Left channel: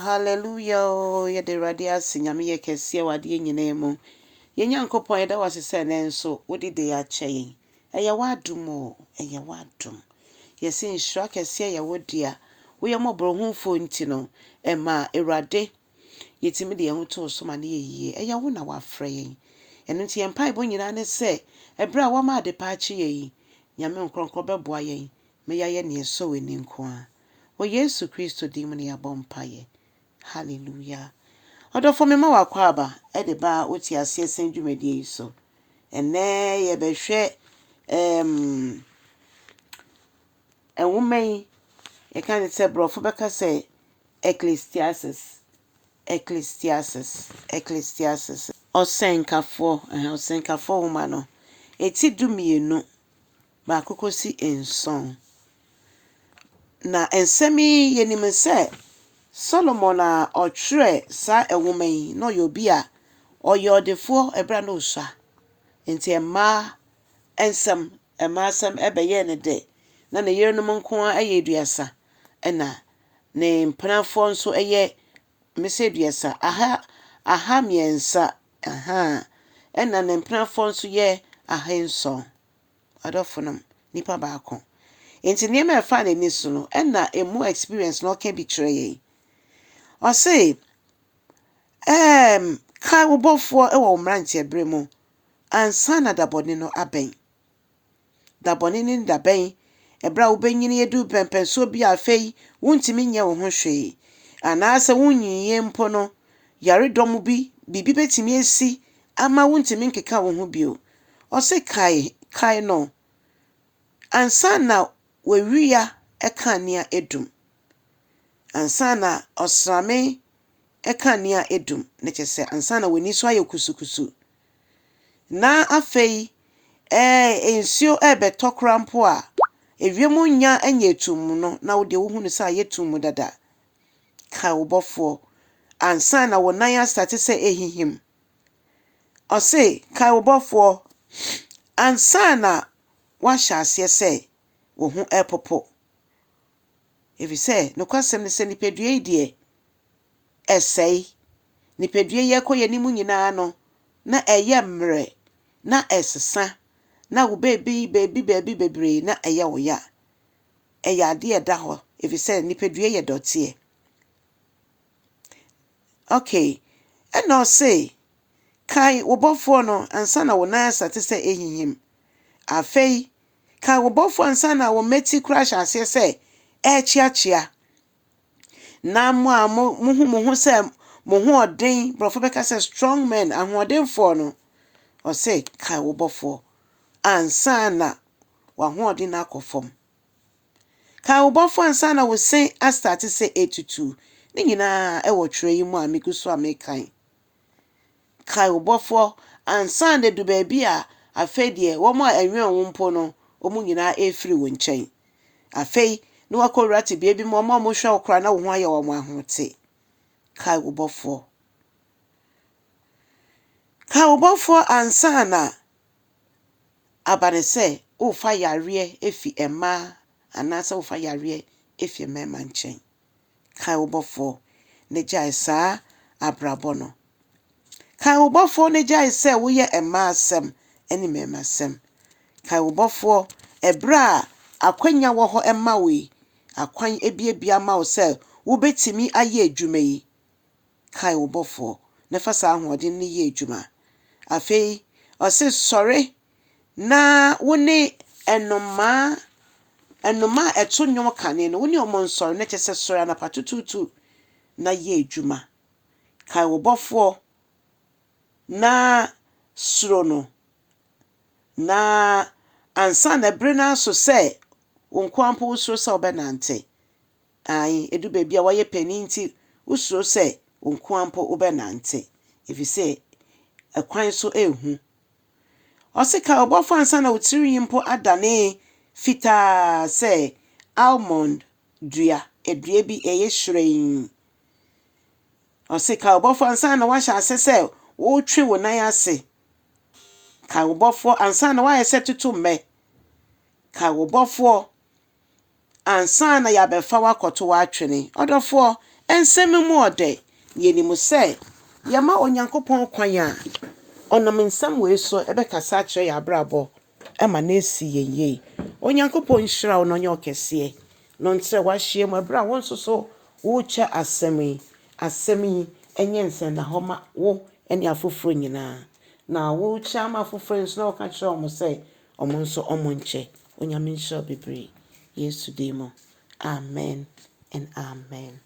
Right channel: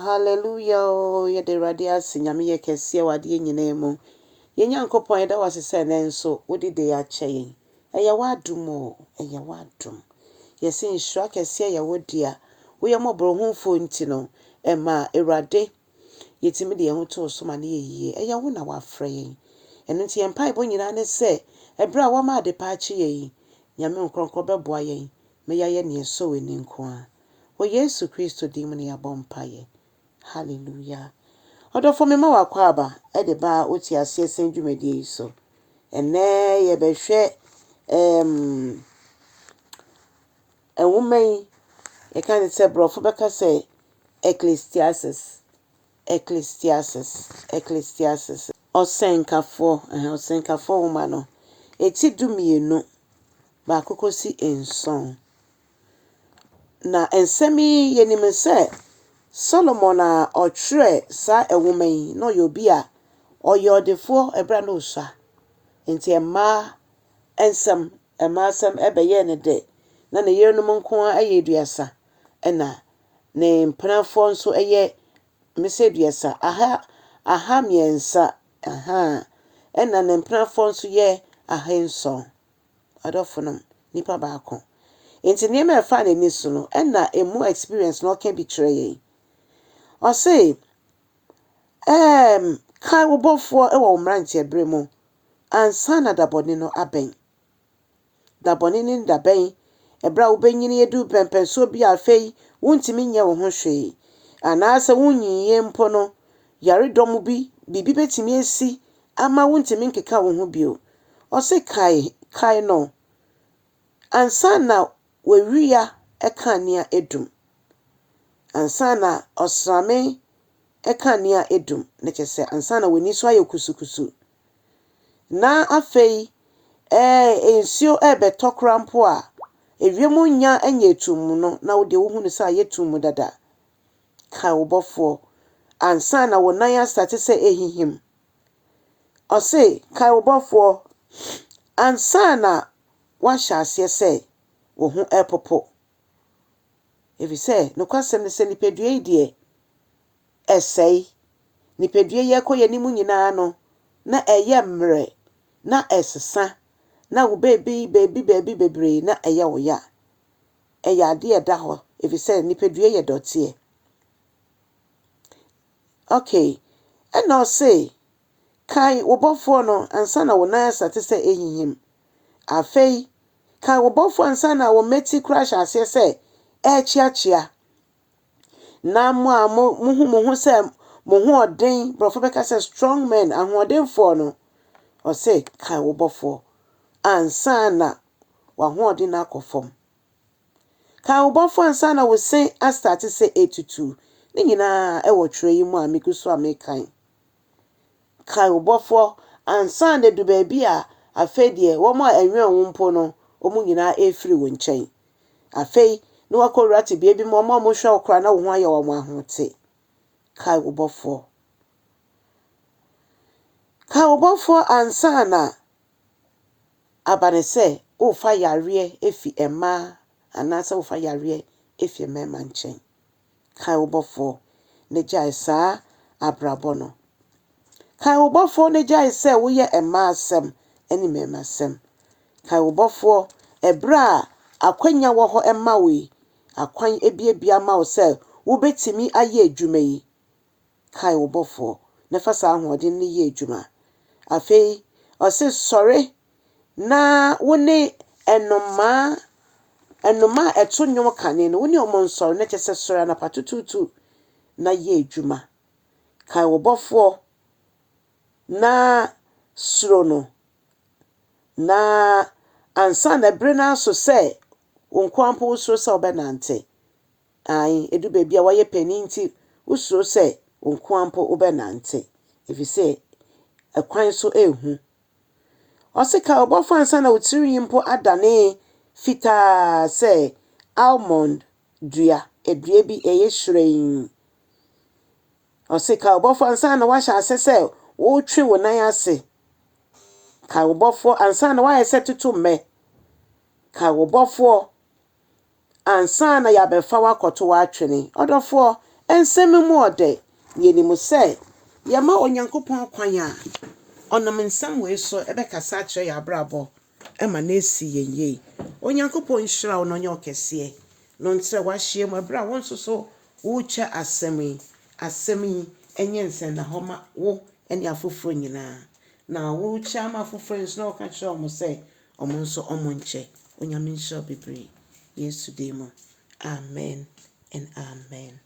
hallelujah. Ye de radia sinyame ye kese wade nyina mu. Ye nyankopon da wase se ne nso wodi de ya kyeye. Eye wadum o, eye wadum. Ye se nshira kese ye wodi a wo ye mobro humfo nti no ema erade yetimi de ho to so ma ne ye eye wo na wafrɛ yen. Eno nti en pai bo nyina ne se ebra wo ma de pa akye yen. Nyame nkronkro beboa yen. Me ya ye ne so we ni nko a. O Yesu Kristo dimuni ya bompaye. Hallelujah. Odofo me ma wakwaba e de ba oti ase senjumedie so. Ene ye behwe woman ye kan say brofo beka say Ecclesiastes. Ɔsɛnkafoɔ woman no. Eti dumienu ba kokosi enson. Na ensemi yenim se Solomon a ɔtwerɛ sa woman yi no yobi a ɔyɔdefo ebra no sha. Enti emma ensem ebeye ne de. Na ne yerenum nko a ayeduasa. Ɛna ne mpenafo nso eye meseduasa aha miensa ɛna ne mpenafo nso ye ahenson. Adofonum nipa baako. Enti niema efa ne ni so no ɛna emu experience no ka bi kyerɛ yi. O say kai wo bɔfoɔ ɛwɔ mranche bre mu ansana da bɔne no abɛn. Da bɔne ni da bɛn ebra wo benyini edu pempenso bi afei wontimi nyɛ wo ho hwee. Anaasɛ wonyiye mpo no yaredom bi bibi betimi esi ama wontimi nkeka wo ho bio. O say kai no ansana wewia ekania edum. Ansana osrame ekania edum. Neche se ansana weni so aye kusukusu. Na afei ensio betokra mpo a ewiemu nya anya etum no na wo de wo hunu se ayetum dada. Ka wo bɔfoɔ ansana wo nan astate se ehihim. O say ka wo bɔfoɔ ansana wa hyase se wo ho epopo. If you say no kwasem ne se nipadua yi de esei nipadua ye koye nimu nyina no na eye mre na esesa na wo baby bebre na eye wo ya eye ade eda ho. If you say nipadua ye dotie. Okay, and now say kai wo bɔfoɔ no ansana wo nan asate se ehihim. Afei kai wo bɔfoɔ ansana wo meti crash ase se chiachia. Na mo hu se mo hu odin brofo beka se strong men ahoden for no. O say kai wo bɔfoɔ ansana wa hu odin akofom. Kai wo bɔfoɔ ansana wo say astart se 82. Ni nyina e wo twerɛ yi mu a mekuso amekan. Kai wo bɔfoɔ ansana du ba bi a afei de wo ma enwe wo mpo no omu nyina efiri wo nkyɛn. Afei no akorati bia mo hwe okra na wo ho aye wo mo ahote. Kai wo bɔfoɔ. Kai wo bɔfoɔ ansana abane se o fa yare efi emma anasa o fa yare efi mema nkyɛn. Kai wo bɔfoɔ ne gyae saa abrabɔ no. Kai wo bɔfoɔ ne gyae se wo ye emma asɛm eni mema asɛm. Kai wo bɔfoɔ ebra akwanya wo ho emma we akwan ebiebia ma wo se wo betimi aye adwuma yi. Kai wo bɔfoɔ ne fa sa ahoɔden ne ye adwuma. Afei o se sɔre na wo ne enoma eto nnwom kane no wo ne omo nsɔre ne kyese sɔre na patututu na ye adwuma. Kai wo bɔfoɔ na suro no na ansa na bre na so se wonkwampo usuro se obenante. Ai edu ba bia waye pani nti usuro se wonkwampo obenante. If you say akwan so ehu. O se ka obofo ansa na wotiri mpo adane fita se almond dua edua bi eye hweren. O se ka obofo ansa na wahya ase se wo twe wo nan ase. Ka obofo ansa na waye se tutu me. Ka obofo ansa na ya befa wakoto wa atwene. Odofo ensem mu ode yenimu sɛ yɛma onyankopɔn kwan a ɔnam nsɛm wei so ɛbɛkasa akyerɛ yɛ abrabɔ ɛma na esi yɛn yie. Onyankopɔn nhyira wo na ɔnyɛ ɔkɛseɛ na ɔnkyerɛ w'ahyia mu ɛberɛ a wo nso so wokyɛ asɛm yi ɛnyɛ nsɛnahɔ ma wo ɛne afoforɔ nyinaa. Na wokyɛ ama afoforɔ nso na ɔka kyerɛ ɔmo sɛ ɔmo nso ɔmo nkyɛ. Onyame nhyira wo bebree. Yesu din mu. Amen and amen.